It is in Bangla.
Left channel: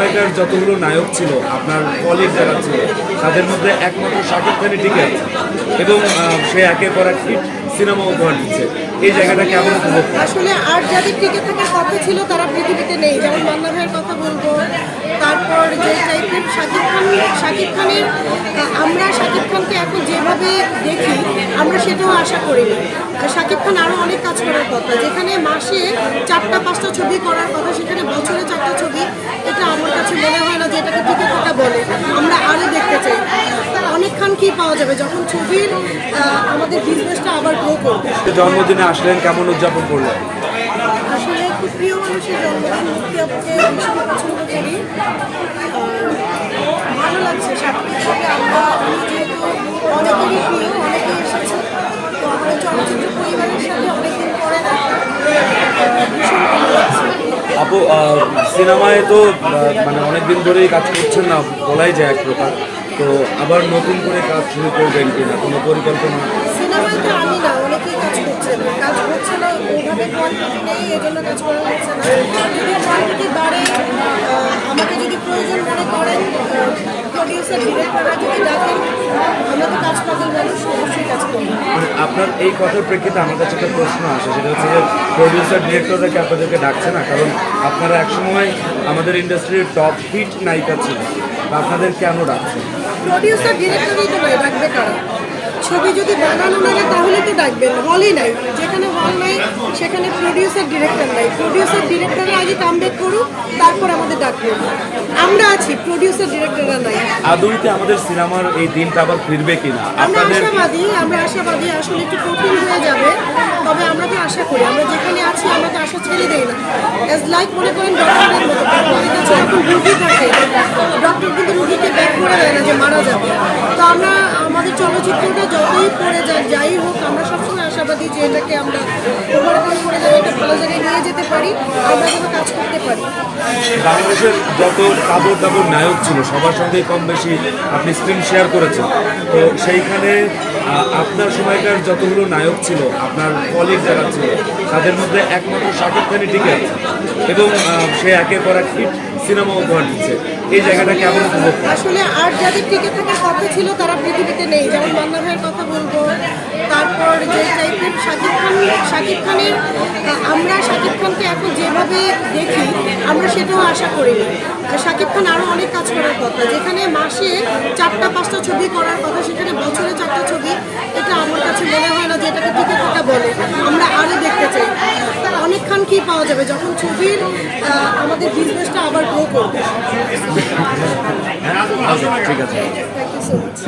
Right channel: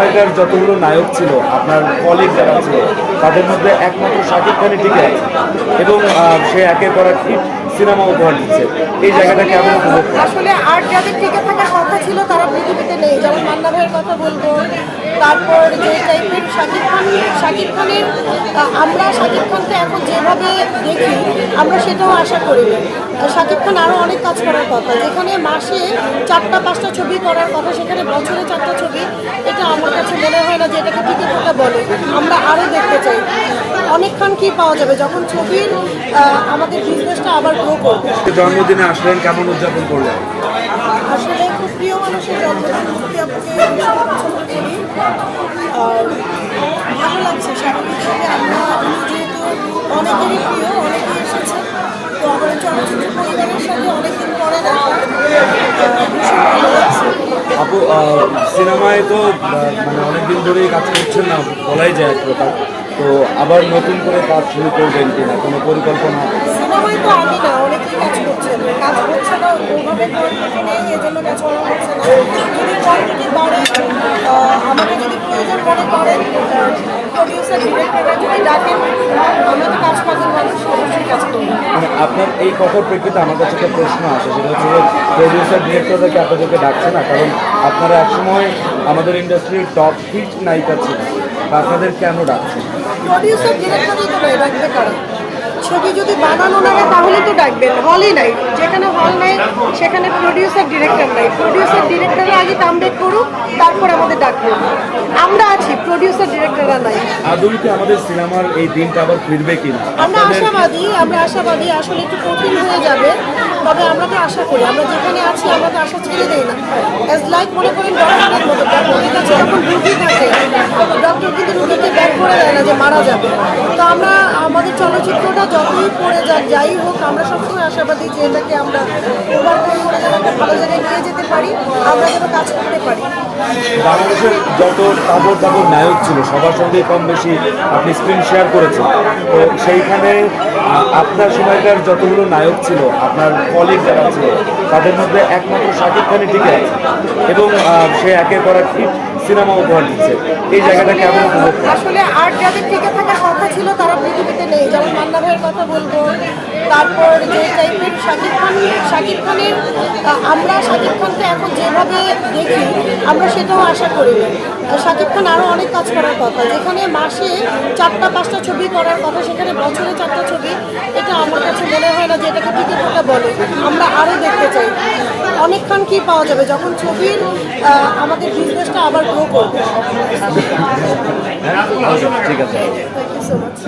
সময়কার যতগুলো নায়ক ছিল, আপনার কলিগ যারা ছিল, তাদের মধ্যে একমাত্র শাকিব খানই টিকে আছে। এবং সে একে করা সিনেমা উপহার দিচ্ছে। এই জায়গাটা কেমন আসলে আর যাদের টিকে থাকার কথা ছিল নেই যেমন মান্না ভাইয়ের কথা বলব, তারপর যে টাইপের শাকিব খান শাকিব খানের আমরা শাকিব খানকে এখন যেভাবে দেখি, আমরা সেটাও আশা করি না। শাকিব খান আরও অনেক কাজ করার কথা, যেখানে মাসে চারটা, পাঁচটা ছবি করার কথা, সেখানে বছরে চারটা ছবি, এটা আমার কাছে মনে হয় না যে এটাকে টিকে থাকা বলে। আমরা আরও দেখতে চাই। অনেকক্ষণ কি পাওয়া যাবে? যখন ছবির আমাদের বিজনেসটা আবার গ্রো করবে। জন্মদিনে আসলেন, কেমন উদযাপন করলেন? প্রিয় মানুষের জন্মদিন ভীষণ পছন্দ করি। ভালো লাগছে, স্বাভাবিকভাবে আমরা যেহেতু অনেকেরই প্রিয় এসেছে। তো আমাদের চলচ্চিত্র পরিবারের সাথে অনেকদিন পরে দেখা। ভীষণ ভালো লাগছে। আপু সিনেমায় তো মানে অনেকদিন ধরেই কাজ করছেন না, বলাই যায় এক প্রকার। তো আবার নতুন করে কাজ শুরু করবেন কিনা? কোনো পরিকল্পনা? তো আমি না অনেকেই কাজ করছে কাজ হচ্ছে না ওভাবে নেই এই জন্য কাজ করা হচ্ছে না। যদি বাড়ে আমাকে যদি প্রয়োজন মনে করেন প্রডিউসার ডিরেক্টররা যদি ডাকেন আমরা তো কাজ পাগল মানুষ অবশ্যই কাজ করব। মানে আপনার এই কথার প্রেক্ষিতে আমার কাছে একটা প্রশ্ন আসে সেটা হচ্ছে যে প্রডিউসার ডিরেক্টরদেরকে আপনাদেরকে ডাকছে না কারণ আপনারা একসময় আমাদের ইন্ডাস্ট্রির টপ হিট নায়িকা ছিলেন আপনাদের কেন ডাকছে প্রডিউসার ডিরেক্টরই তো ডাকবে কারা ছবি যদি বানানো না হয় তাহলে তো ডাকবেন হলই নাই। যেখানে হল নেই সেখানে প্রডিউসার ডিরেক্টর নাই। প্রডিউসার ডিরেক্টররা আগে কামব্যাক করুক তারপর আমাদের ডাকবে। আমরা আছি প্রডিউসার ডিরেক্টররা নাই। আদৌ কি আমাদের সিনেমার এই দিনটা আবার ফিরবে কিনা আমরা আশাবাদী আমরা আশাবাদী আসলে একটু কঠিন হয়ে যাবে। তবে আমরা তো আশা করি আমরা যেখানে আছি আমরা তো আশা ছেড়ে দেই না। অ্যাজ লাইক মনে করেন ডক্টরের মতো ডক্টরের কাছে যখন রুগী থাকে ডক্টর কিন্তু রুগীকে ব্যাক করে দেয় না যে মারা যাবে। তো আমরা আমাদের চলচ্চিত্রটা যতই পড়ে যাক, যাই হোক, আমরা সবসময় আশাবাদী যে এটাকে আমরা ওভার করে যেন একটা ভালো জায়গায় নিয়ে যেতে পারি, আমরা যেন কাজ করতে পারি। বাংলাদেশের যত কাপড় টাপড় নায়ক ছিল, সবার সঙ্গে কম বেশি আপনি স্ক্রিন শেয়ার করেছেন। তো সেইখানে আপনার সময়কার যতগুলো নায়ক ছিল, আপনার কলিগ যারা ছিল, তাদের মধ্যে একমাত্র শাকিব খানই টিকে আছে। এবং সে একের পর এক সিনেমা উপহার দিচ্ছে। এই জায়গাটা কেমন উপভোগ আসলে আর যাদের টিকে থাকার কথা ছিল, তারা পৃথিবীতে নেই। যেমন মান্না ভাইয়ের কথা বলব, তারপর যে টাইপের শাকিব খান, শাকিব খানের আমরা শাকিব খানকে এখন যেভাবে দেখি, আমরা সেটাও আশা করি না। শাকিব খান আরও অনেক কাজ করার কথা। যেখানে মাসে চারটা পাঁচটা ছবি করার কথা সেখানে বছরে চারটা ছবি। এটা আমার কাছে মনে হয় না যে এটাকে টিকে থাকা বলে। আমরা আরও দেখতে চাই। অনেকক্ষণ কি পাওয়া যাবে? যখন ছবির আমাদের বিজনেসটা আবার গ্রো করবে। ঠিক আছে। Thank you so much